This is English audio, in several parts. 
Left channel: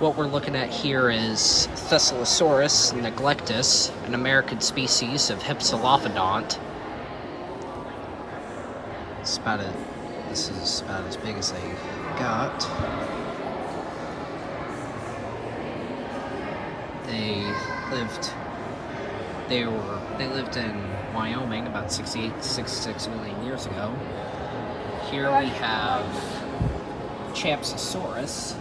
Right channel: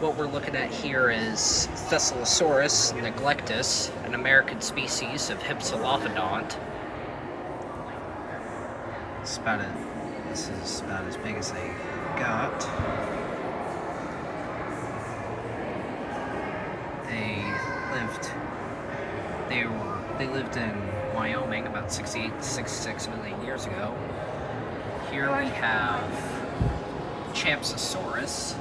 What we're looking at here is Thessalosauros neglectus, an American species of hypsilophodont. This is about as big as they got. They lived in Wyoming about 68 to 66 million years ago. Here we have Champsosaurus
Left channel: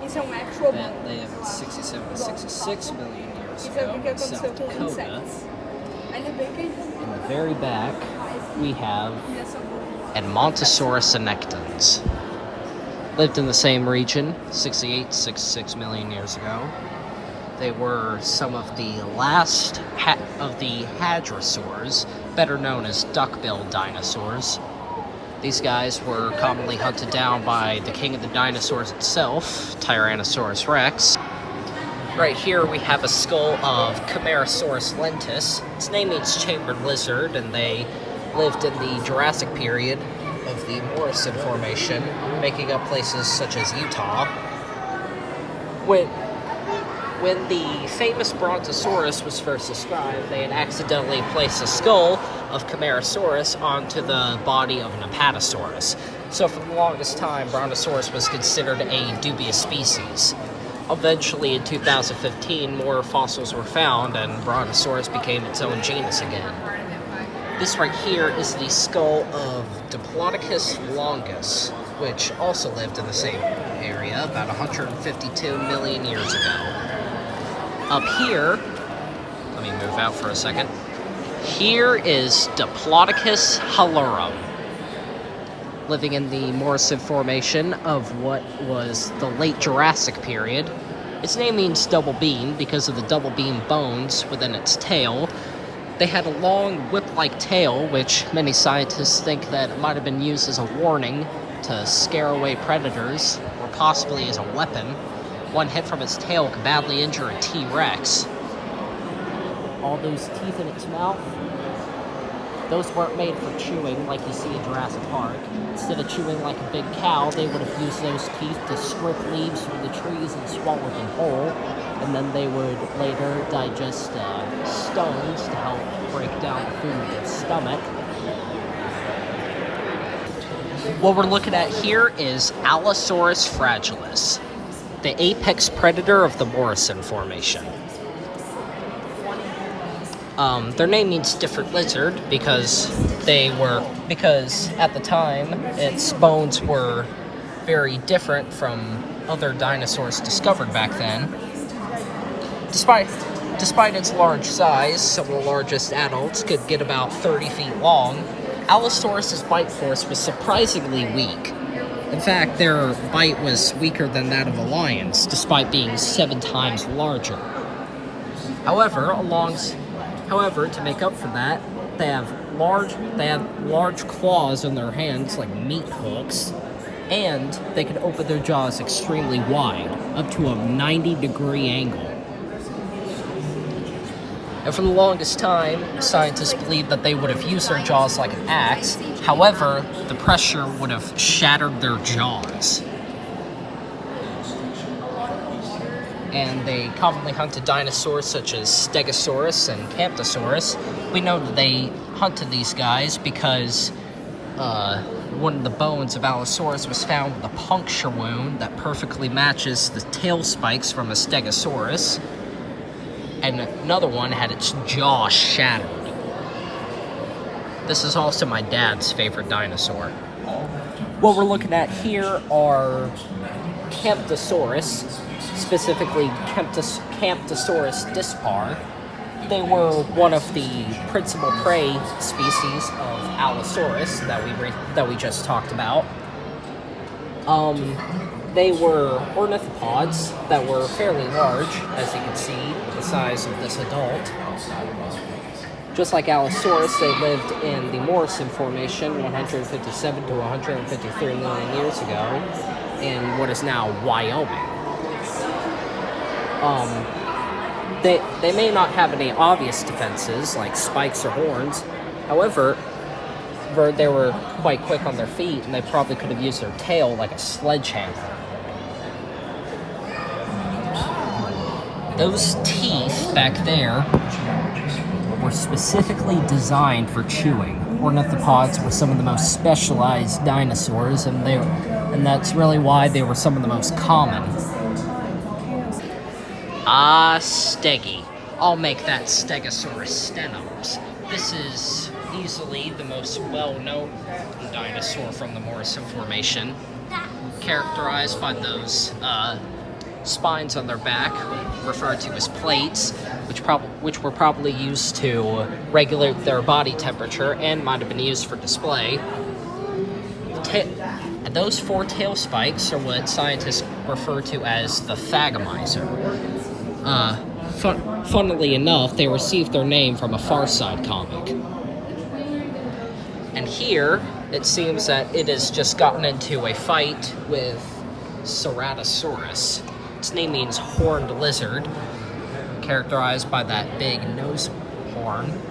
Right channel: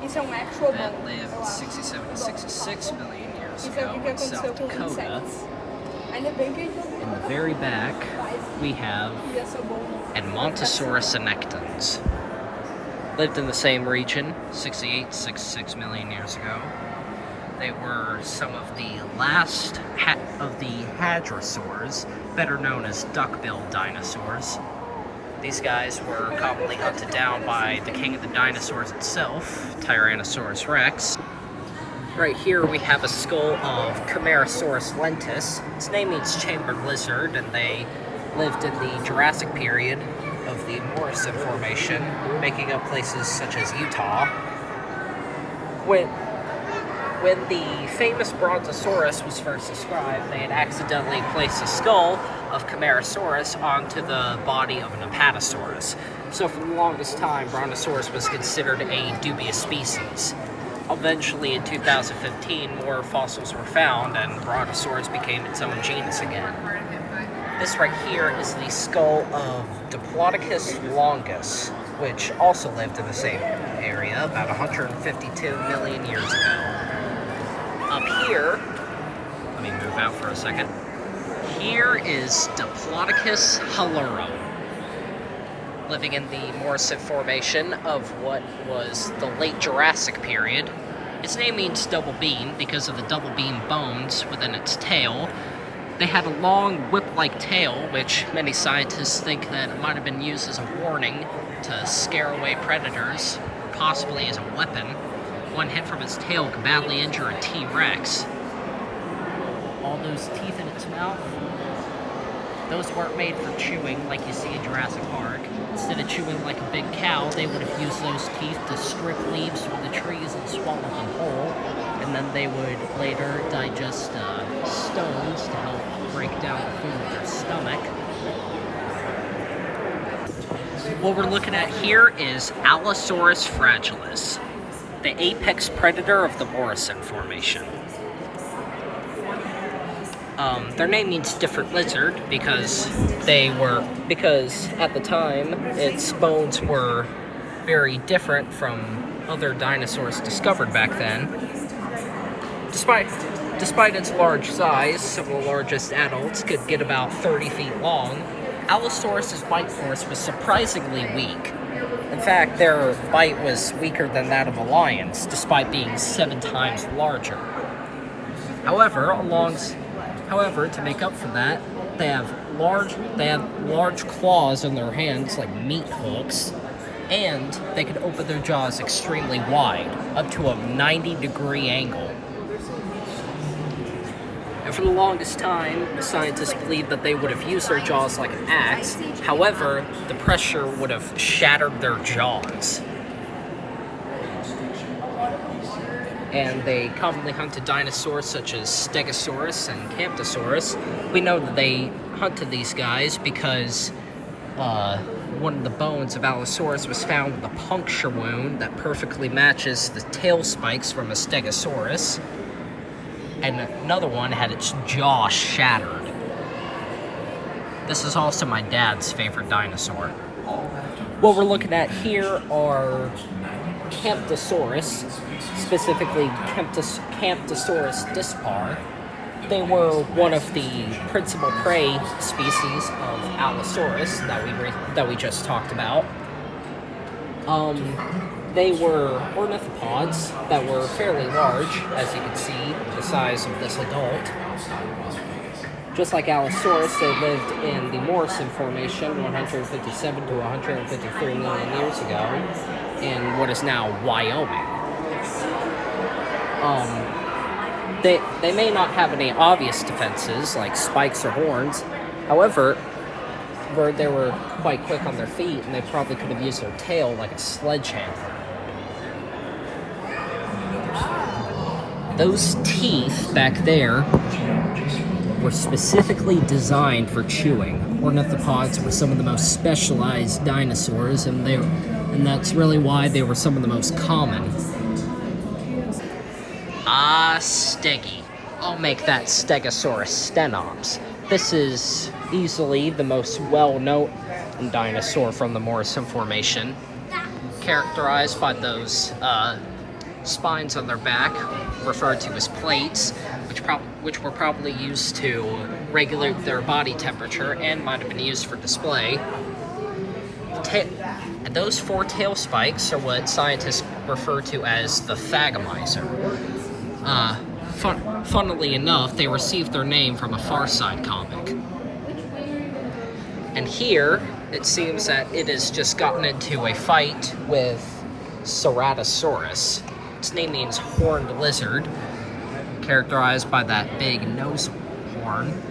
that lived 67 to 66 million years ago in South Dakota. In the very back, we have Edmontosaurus annectens. Lived in the same region 68 to 66 million years ago. They were some of the last of the hadrosaurs, better known as duck-billed dinosaurs. These guys were commonly hunted down by the king of the dinosaurs itself, Tyrannosaurus rex. Right here we have a skull of Camarasaurus lentis. Its name means chambered lizard, and they lived in the Jurassic period of the Morrison Formation, making up places such as Utah. When the famous Brontosaurus was first described, they had accidentally placed a skull of Camarasaurus onto the body of an Apatosaurus. So for the longest time, Brontosaurus was considered a dubious species. Eventually, in 2015, more fossils were found, and Brontosaurus became its own genus again. This right here is the skull of Diplodocus longus, which also lived in the same area about 152 million years ago. Up here, let me move out for a second. Here is Diplodocus hallurum, living in the Morrison Formation of what was the late Jurassic period. Its name means double beam because of the double beam bones within its tail. They had a long whip-like tail, which many scientists think that it might have been used as a warning to scare away predators, or possibly as a weapon. One hit from its tail could badly injure a T-Rex. All those teeth in its mouth, those weren't made for chewing like you see in Jurassic Park. Instead of chewing like a big cow, they would have used those teeth to strip leaves from the trees and swallow them whole, and then they would later digest stones to help break down the food in their stomach. What we're looking at here is Allosaurus fragilis, the apex predator of the Morrison Formation. Their name means different lizard because at the time its bones were very different from other dinosaurs discovered back then. Despite its large size, some of the largest adults could get about 30 feet long. Allosaurus's bite force was surprisingly weak. In fact, their bite was weaker than that of a lion's, despite being 7 times larger. However, to make up for that, they have large claws in their hands, like meat hooks, and they can open their jaws extremely wide, up to a 90-degree angle. And for the longest time, scientists believed that they would have used their jaws like an axe. However, the pressure would have shattered their jaws. And they commonly hunted dinosaurs such as Stegosaurus and Camptosaurus. We know that they hunted these guys because one of the bones of Allosaurus was found with a puncture wound that perfectly matches the tail spikes from a Stegosaurus, and another one had its jaw shattered. This is also my dad's favorite dinosaur. What we're looking at here are Camptosaurus, specifically Camptosaurus dispar. They were one of the principal prey species of Allosaurus that we just talked about. They were ornithopods that were fairly large, as you can see, the size of this adult. Just like Allosaurus, they lived in the Morrison Formation 157 to 153 million years ago in what is now Wyoming. They may not have any obvious defenses like spikes or horns. However, they were quite quick on their feet, and they probably could have used their tail like a sledgehammer. Those teeth back there were specifically designed for chewing. Ornithopods were some of the most specialized dinosaurs, and that's really why they were some of the most common. Stegi. I'll make that Stegosaurus stenops. This is easily the most well-known dinosaur from the Morrison Formation, characterized by those spines on their back, referred to as plates, which were probably used to regulate their body temperature and might have been used for display. And those 4 tail spikes are what scientists refer to as the thagomizer. Funnily enough, they received their name from a Far Side comic. And here, it seems that it has just gotten into a fight with Ceratosaurus. Its name means horned lizard, characterized by that big nose horn.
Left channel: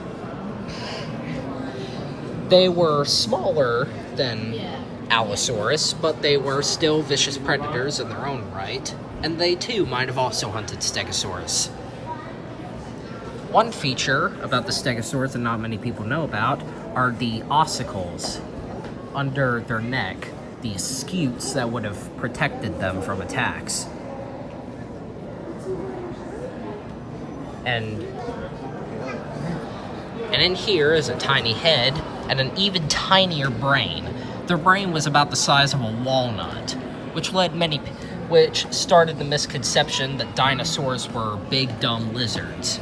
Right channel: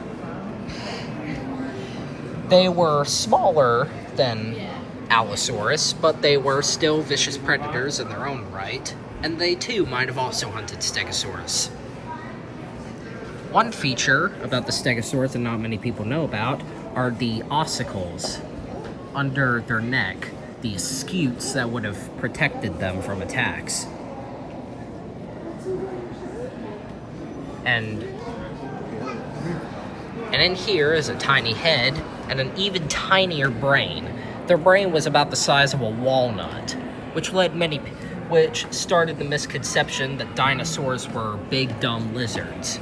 They were smaller than Allosaurus, but they were still vicious predators in their own right, and they too might have also hunted Stegosaurus. One feature about the Stegosaurus that not many people know about are the ossicles under their neck, these scutes that would have protected them from attacks. And in here is a tiny head and an even tinier brain. Their brain was about the size of a walnut, which started the misconception that dinosaurs were big, dumb lizards.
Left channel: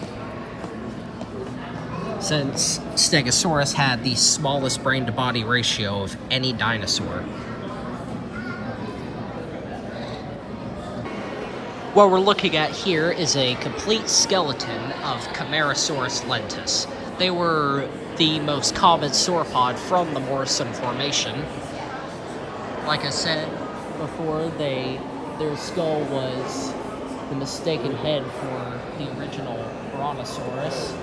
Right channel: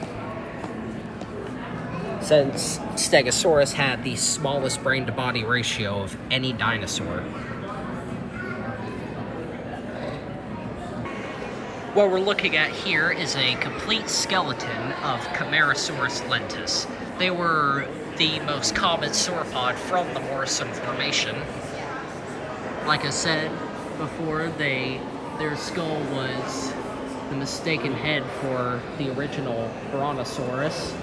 Since Stegosaurus had the smallest brain-to-body ratio of any dinosaur. What we're looking at here is a complete skeleton of Camarasaurus lentus. They were the most common sauropod from the Morrison Formation. Like I said before, their skull was the mistaken head for the original Brontosaurus.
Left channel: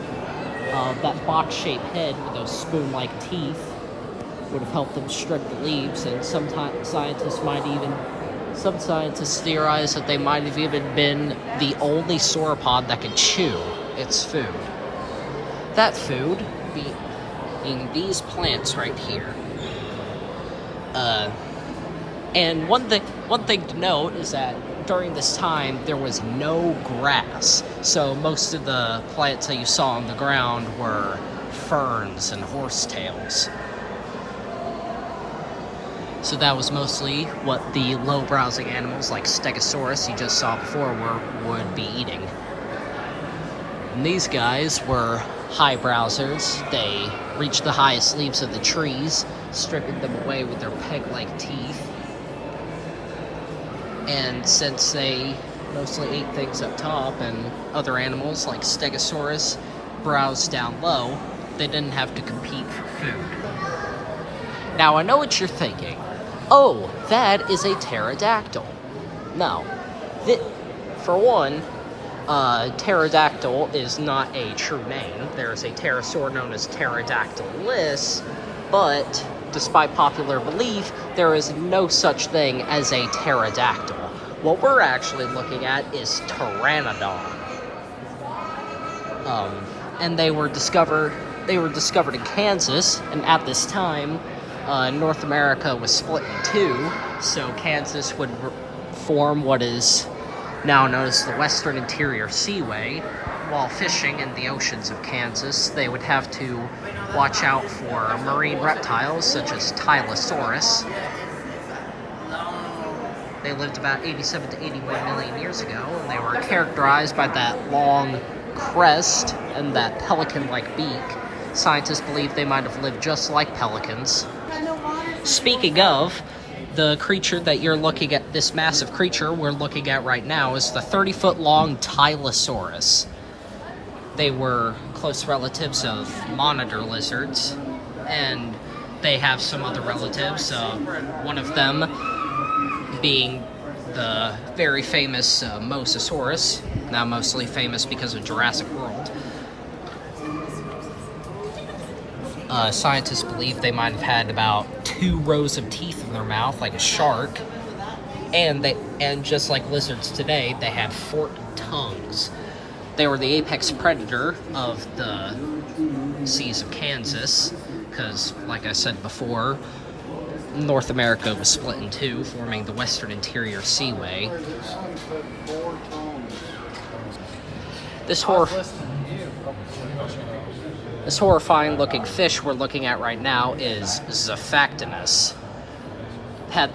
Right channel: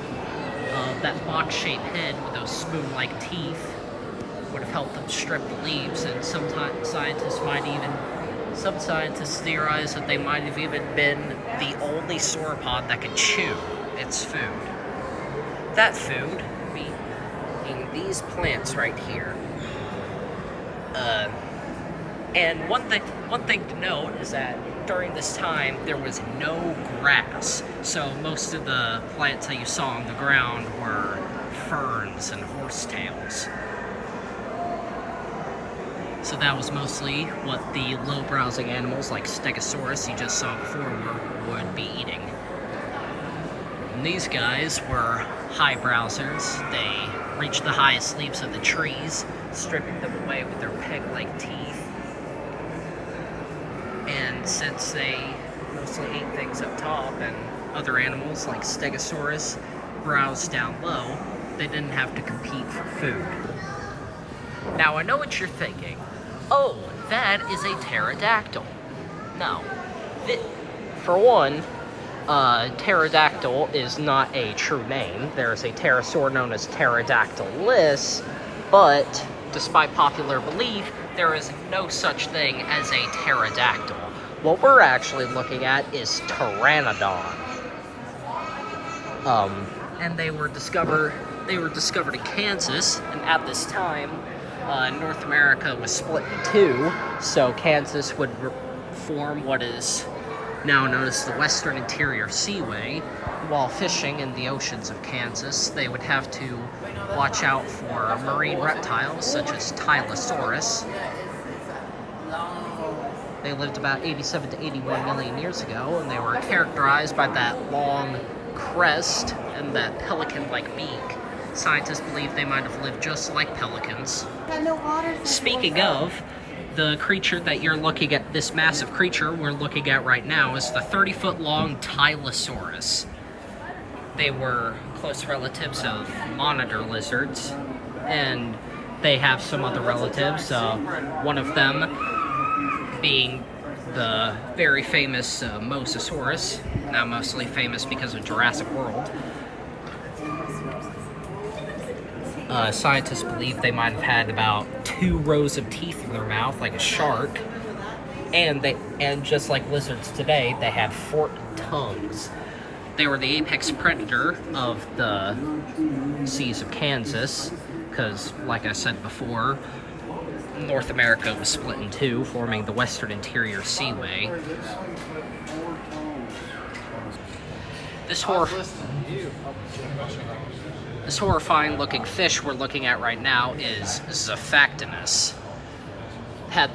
That box-shaped head with those spoon-like teeth would have helped them strip the leaves, and some scientists theorize that they might have even been the only sauropod that could chew its food. That food being these plants right here. And one thing to note is that during this time there was no grass, so most of the plants that you saw on the ground were ferns and horsetails. So that was mostly what the low-browsing animals like Stegosaurus you just saw before would be eating. And these guys were high browsers. They reached the highest leaves of the trees, stripping them away with their peg-like teeth. And since they mostly ate things up top and other animals like Stegosaurus browsed down low, they didn't have to compete for food. Now I know what you're thinking. Oh, that is a pterodactyl. No. For one, pterodactyl is not a true name. There's a pterosaur known as Pterodactylus, but despite popular belief, there is no such thing as a pterodactyl. What we're actually looking at is pteranodon. And they were discovered in Kansas, and at this time, North America was split in two, so Kansas would form what is now known as the Western Interior Seaway. While fishing in the oceans of Kansas, they would have to watch out for marine reptiles such as Tylosaurus. They lived about 87 to 81 million years ago, and they were characterized by that long crest and that pelican-like beak. Scientists believe they might have lived just like pelicans. Speaking of, the creature that you're looking at, this massive creature we're looking at right now, is the 30-foot-long Tylosaurus. They were close relatives of monitor lizards, and they have some other relatives, one of them being the very famous Mosasaurus, now mostly famous because of Jurassic World. Scientists believe they might have had about 2 rows of teeth in their mouth, like a shark, and just like lizards today, they had forked tongues. They were the apex predator of the seas of Kansas, because, like I said before, North America was split in two, forming the Western Interior Seaway. This horrifying-looking fish we're looking at right now is Zephactinus. Had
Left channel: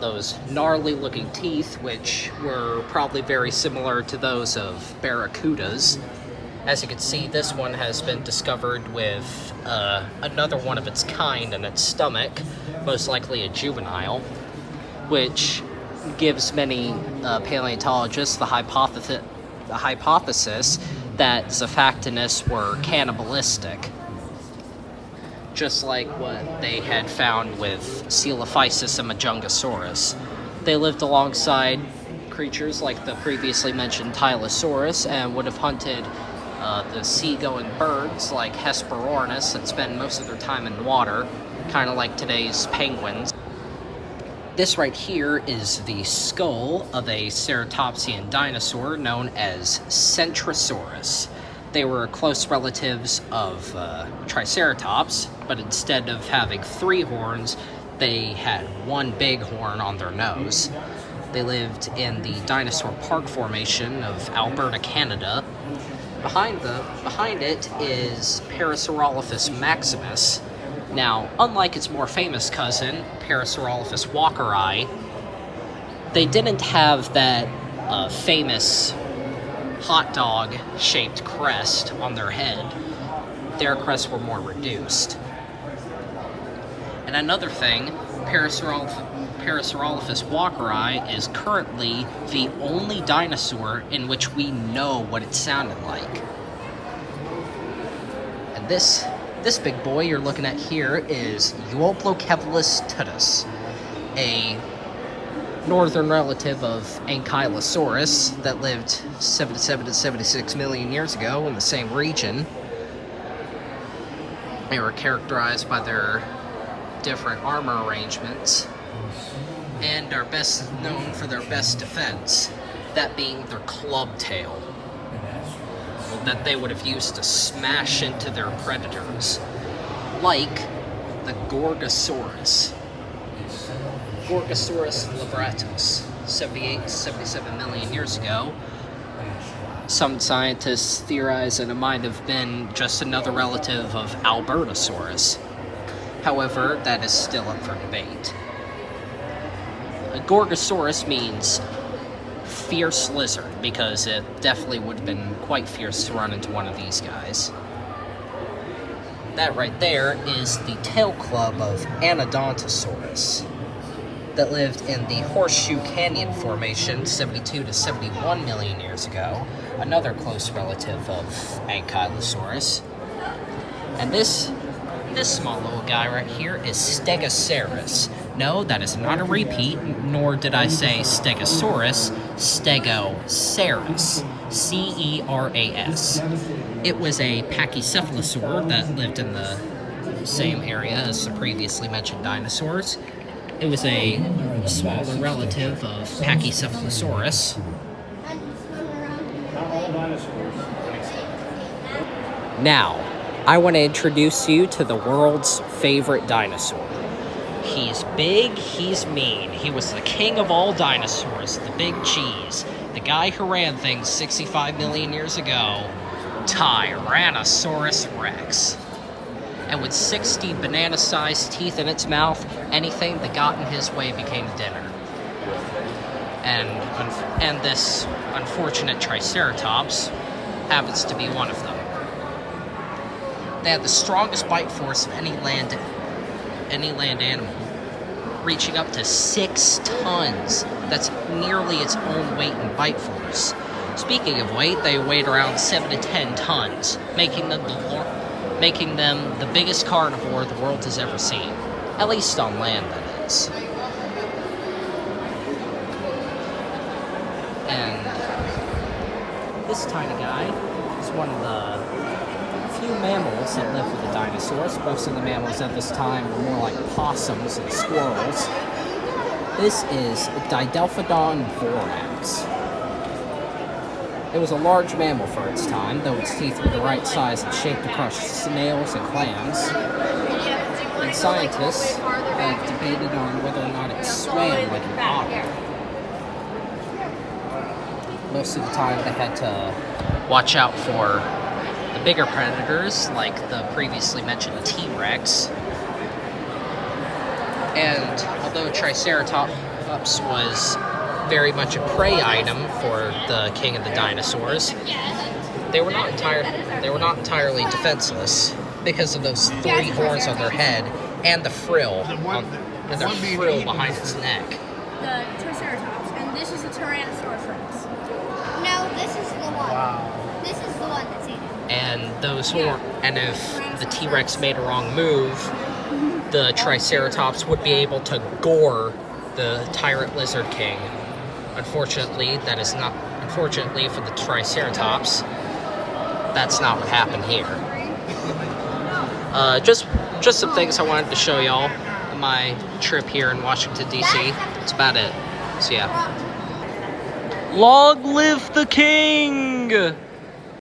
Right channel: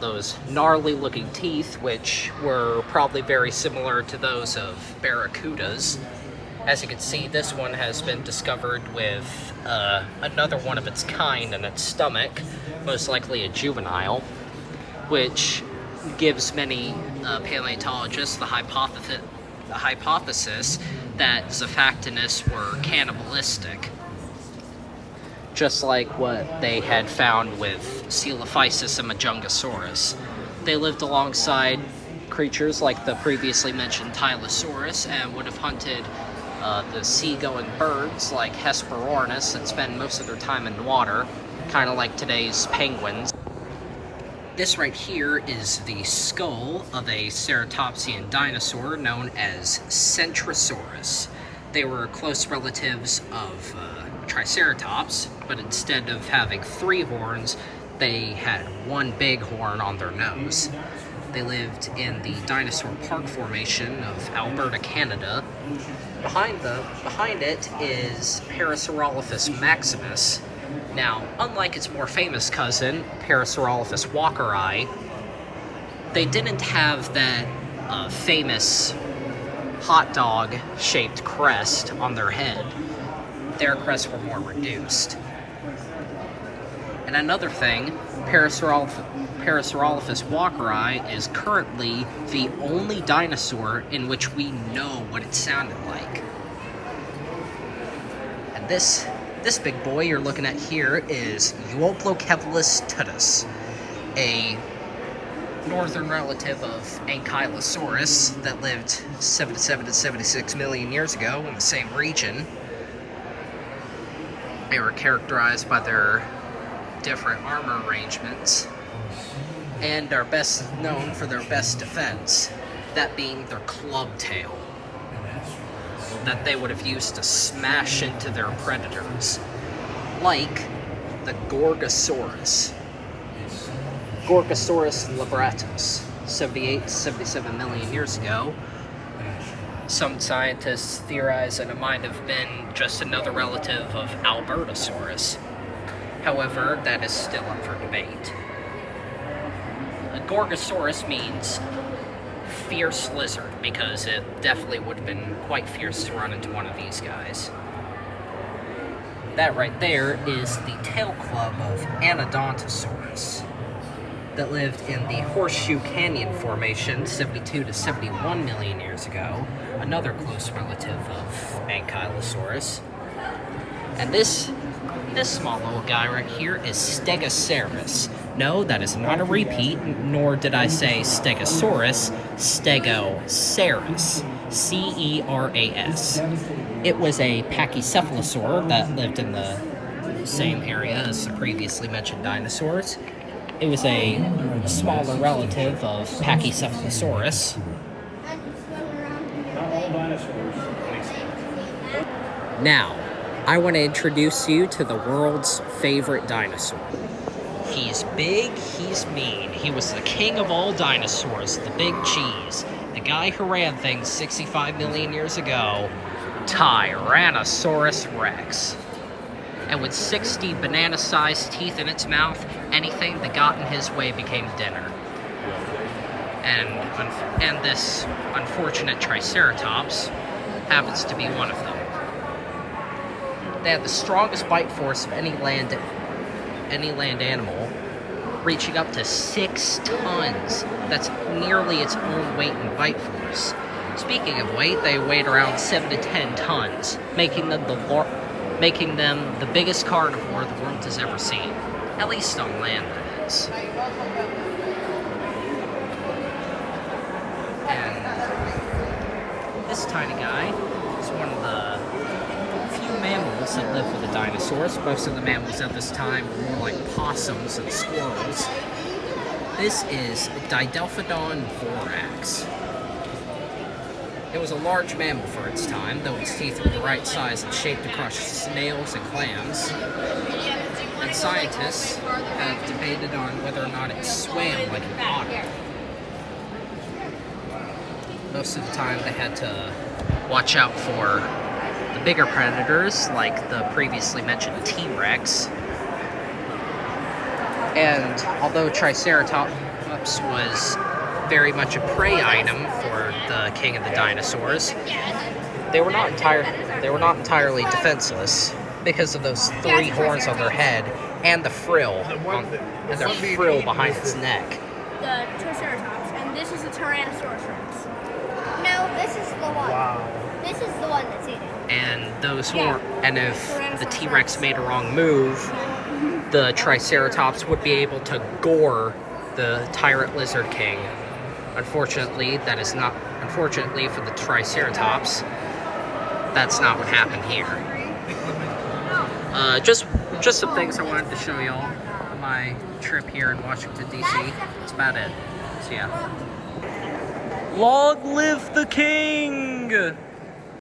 those gnarly-looking teeth, which were probably very similar to those of barracudas. As you can see, this one has been discovered with another one of its kind in its stomach, most likely a juvenile, which gives many paleontologists the hypothesis that Zephactinus were cannibalistic, just like what they had found with Coelophysis and Majungasaurus. They lived alongside creatures like the previously mentioned Tylosaurus and would have hunted the sea-going birds like Hesperornis that spend most of their time in water, kind of like today's penguins. This right here is the skull of a ceratopsian dinosaur known as Centrosaurus. They were close relatives of Triceratops, but instead of having 3 horns, they had 1 big horn on their nose. They lived in the Dinosaur Park Formation of Alberta, Canada. Behind it is Parasaurolophus maximus. Now, unlike its more famous cousin, Parasaurolophus walkeri, they didn't have that famous hot dog-shaped crest on their head. Their crests were more reduced. And another thing, Parasaurolophus walkeri is currently the only dinosaur in which we know what it sounded like. And this big boy you're looking at here is Euoplocephalus tutus, a northern relative of Ankylosaurus that lived 77 to 76 million years ago in the same region. They were characterized by their different armor arrangements and are best known for their best defense, that being their club tail that they would have used to smash into their predators, like the Gorgosaurus. Gorgosaurus libratus, 78 to 77 million years ago. Some scientists theorize that it might have been just another relative of Albertosaurus. However, that is still up for debate. A Gorgosaurus means fierce lizard, because it definitely would have been quite fierce to run into one of these guys. That right there is the tail club of Anodontosaurus that lived in the Horseshoe Canyon Formation 72 to 71 million years ago, another close relative of Ankylosaurus. And this small little guy right here is Stegosaurus. No, that is not a repeat, nor did I say Stegosaurus, Stegosaurus, C-E-R-A-S. It was a pachycephalosaur that lived in the same area as the previously mentioned dinosaurs. It was a smaller relative of Pachycephalosaurus. Now, I want to introduce you to the world's favorite dinosaur. He's big, he's mean. He was the king of all dinosaurs, the big cheese. The guy who ran things 65 million years ago, Tyrannosaurus Rex. And with 60 banana-sized teeth in its mouth, anything that got in his way became dinner. And this unfortunate Triceratops happens to be one of them. They have the strongest bite force of any land animal, reaching up to 6 tons. That's nearly its own weight in bite force. Speaking of weight, they weighed around 7 to 10 tons, making them the biggest carnivore the world has ever seen. At least on land, that is. And this tiny guy is one of the few mammals that lived with the dinosaurs. Most of the mammals at this time were more like possums and squirrels. This is Didelphodon vorax. It was a large mammal for its time, though its teeth were the right size and shape to crush snails and clams. And scientists have debated on whether or not it swam like an otter. Most of the time they had to watch out for the bigger predators, like the previously mentioned T-Rex. And although Triceratops was very much a prey item for the king of the dinosaurs, they were not entirely defenseless because of those 3 horns on their head and the frill behind its neck. The Triceratops, and this is a Tyrannosaurus Rex. No, this is the one. Wow. This is the one that's eating. And those horns, and if the T-Rex made a wrong move, the Triceratops would be able to gore the tyrant lizard king. Unfortunately for the Triceratops, that's not what happened here. Just some things I wanted to show y'all on my trip here in Washington, D.C. That's about it. So yeah. Long live the king!